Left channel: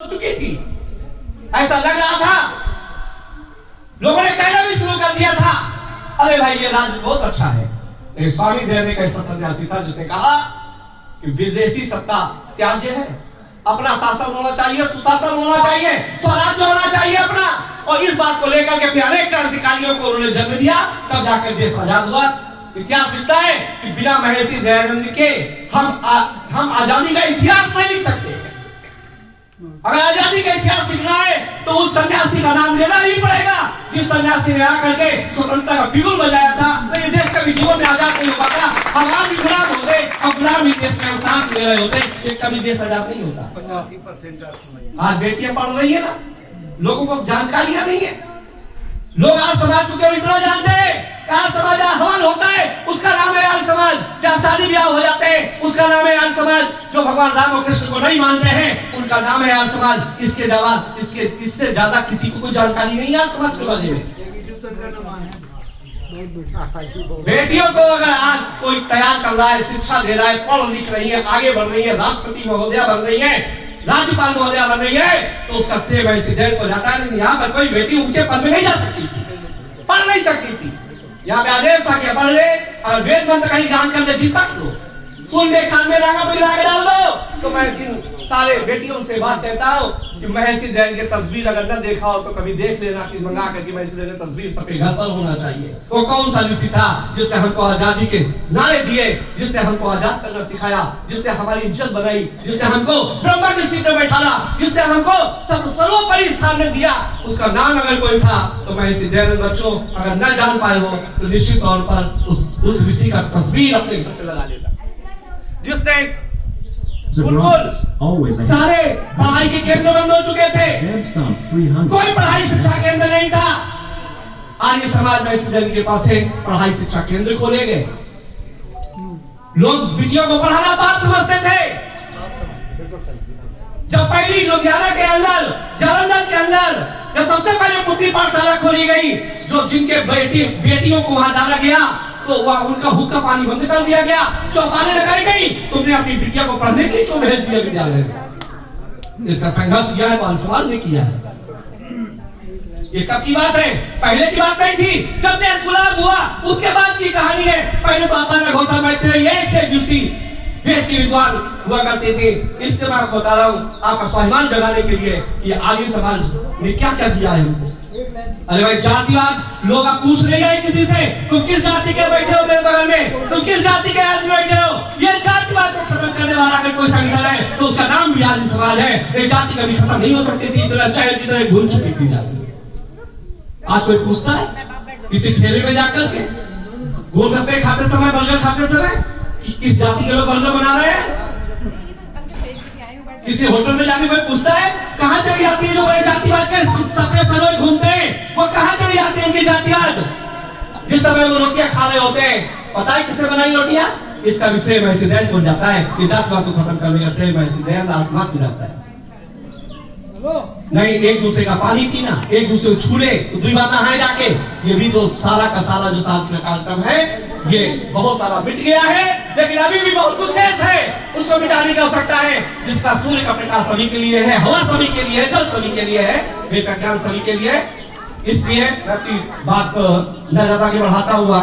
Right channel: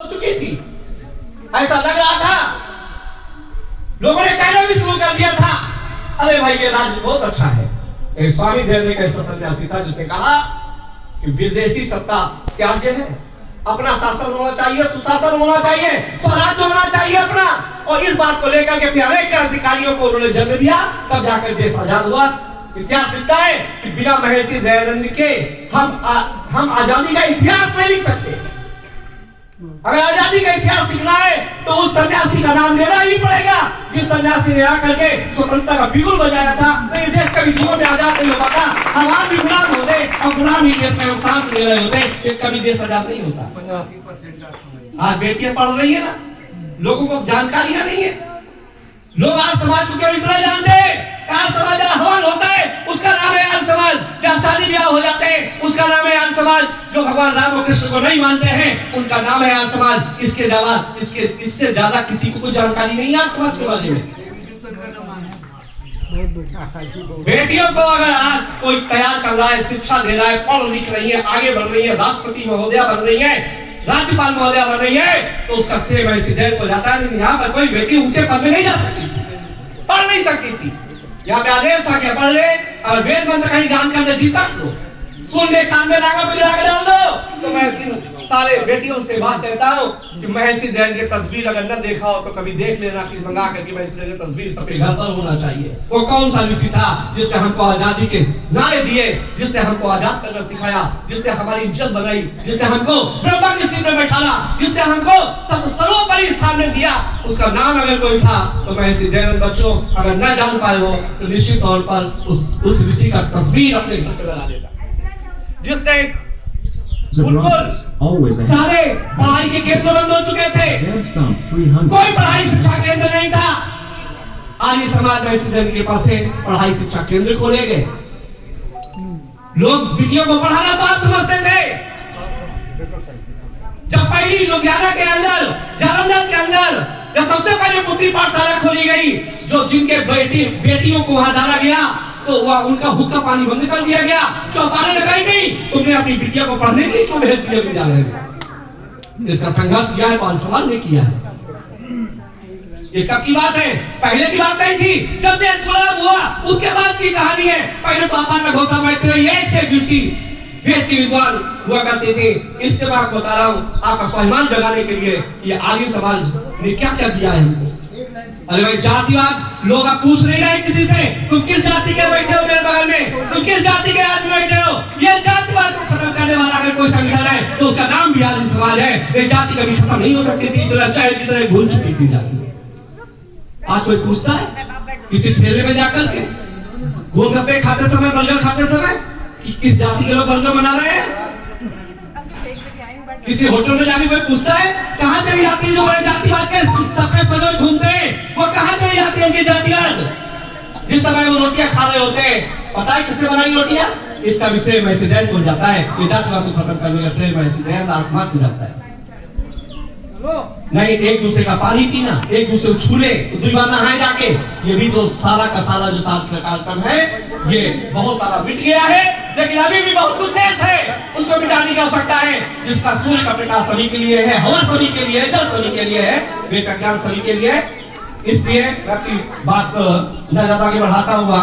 चुकी थी, ऐसा लग रहा था। लोगों ने कहना भी शुरू कर दिया था, अरे भाई ये राज्य बहुत अच्छा है। एक स्वामी देव एक ऐसा सन्यासी था जिसने कहा कि विदेशी सत्ता त्याज्य है, अपना शासन होना चाहिए, सुशासन होना चाहिए, स्वराज्य होना चाहिए अपना। और इस बात को लेकर के फिर अनेक क्रांतिकारियों को उन्होंने जन्म दिया, तब जाकर देश आजाद हुआ। इतिहास लिखता है कि बिना महर्षि दयानंद के हम आजादी का इतिहास नहीं लिख सकते। अगर आजादी का इतिहास लिखना है तो उस सन्यासी का नाम लेना ही पड़ेगा, जिस सन्यासी ने आकर के स्वतंत्रता का बिगुल बजाया था। नहीं, देश कभी जीवन में आजाद नहीं होता था। हम आज भी गुलाम होते और गुलाम ही देश में सांस ले रहे होते, फिर कभी देश आजाद नहीं होता। आज बेटियां पढ़ रही है ना, लोगों को जानकारियां नहीं है। लोग आज समाज को क्यों इतना जानते हैं? आज समाज आह्वान होता है, उसका नाम है आज समाज। जहाँ शादी ब्याह हो जाते हैं, उसका नाम है आज समाज। जो भगवान राम और कृष्ण को नहीं मानते हैं, उनका नाम है आज समाज। इससे ज्यादा किसी को कोई जानकारी नहीं है आज समाज के बारे में। बेटियों को अगर आज कोई तैयार कर रहा है, शिक्षा दे रहा है, पढ़ लिख रही है, आगे बढ़ रही है, राष्ट्रपति महोदया बन रही है, राज्यपाल महोदया बन रही है, तो उसका श्रेय महर्षि दयानंद को जाता है। नहीं, यहाँ पर कोई बेटी ऊंचे पद में नहीं जा सकती थी, पढ़ नहीं सकती थी। यहाँ पे आदेश था कि पढ़ ले, और वेद मंत्र कहीं ज्ञान का जी पढ़ लो, सुन ले, कान में रंगा बिगड़ा के डाल दो। तो मैं इन सारे बेटियों से बात कहता हूँ कि महर्षि दयानंद की तस्वीर अगर न देखा हो तो कभी देख लेना, कि मंगा करके महर्षि दयानंद की तस्वीर सबके घर पर होना चाहिए। वो कौन सा ऋषि था जिसने हमको आजादी के नारे दिए, जिसने हमको आजाद करना सिखाया, जिसने हमारी इज्जत बनाई, जिसने हमको ब्रह्मा की सीट में बैठाला, जिसने हमको सर्वोपरि स्थान में दिया, उसका नाम अगर कोई था तो महर्षि दयानंद। बच्चों, अगर न जान पाए हो तो निश्चित तौर पर उस ऋषि का तस्वीर अपने घर पे लगा देता, जिसने बिल्कुल सारे पढ़ाई के केंद्र बंद हो चुके थे, कोई पढ़ाई शिक्षा केंद्र नहीं था। आज इस समाज में स्टूडेंट के पास पढ़ाई शिक्षा केंद्र खोले गए। लोग बेटियों को पढ़ाना बात समझते थे। जब पहली लुधियाना के अंदर, जालंधर के अंदर जब सबसे पहले पुत्री पाठशाला खोली गई, जो जिनके बेटियों को वहां डाला गया, तो वह उनका हुक्का पानी बंद कर दिया गया, चौपालें लगाई गई। तुमने अपनी बिटिया को पढ़ने के लिए क्यों भेज दिया विद्यालय में? इसका संघर्ष किया है, पांच सवाल ने किया है। ये कब की बात है? पहले की बात नहीं थी। जब देश गुलाम हुआ उसके बाद की कहानी है। पहले तो आपा का घोषणा बैठते थे, ये से यूसी वेद के विद्वान हुआ करते थे। इसके बाद बता रहा हूँ आपका स्वाभिमान जगाने के लिए कि आर्य समाज ने क्या क्या दिया है हमको। अरे भाई, जातिवाद लोग आप पूछ नहीं रहे किसी से, तुम किस जाति के बैठे हो मेरे बगल में, तुम किस जाति के आदमी बैठे हो। ये जातिवाद को खत्म करने वाला अगर कोई संगठन है तो उसका नाम भी आर्य समाज है। ये जाति कभी खत्म नहीं हो सकती थी, इतना चाहे की तरह घुल चुकी थी जाति। आज कोई पूछता है किसी ठेले में जाकर के, गोलगप्पे खाते समय, बर्गर खाते समय, किस जाति के लोग बर्गर बना रहे हैं? किसी होटल में जाके कोई पूछता है कहां चली जाती है जो बड़े जातिवाद के सफेद सरोज घूमते हैं, वो कहां चली जाती है उनकी जातिवाद? जिस समय वो रोटियां खा रहे होते हैं, पता है किसने बनाई रोटियां? इसका विषय महर्षि दयानंद को जाता है। ये जातिवाद को खत्म करने का श्रेय महर्षि दयानंद आसमान को जाता है। नहीं, एक दूसरे का पानी पीना, एक दूसरे को छूले, दूसरी बात नहाए जाके, ये भी तो सारा का सारा जो सांस्कृतिक कार्यक्रम है, ये बहुत सारा मिट गया है। लेकिन अभी भी बहुत कुछ शेष है, उसको मिटाने की आवश्यकता है। जिसका सूर्य का प्रकाश सभी के लिए है, हवा सभी के लिए है, जल सभी के लिए है, वेद का ज्ञान सभी के लिए है। इसलिए मैं अपनी बात न ज्यादा आगे बढ़ाता हुआ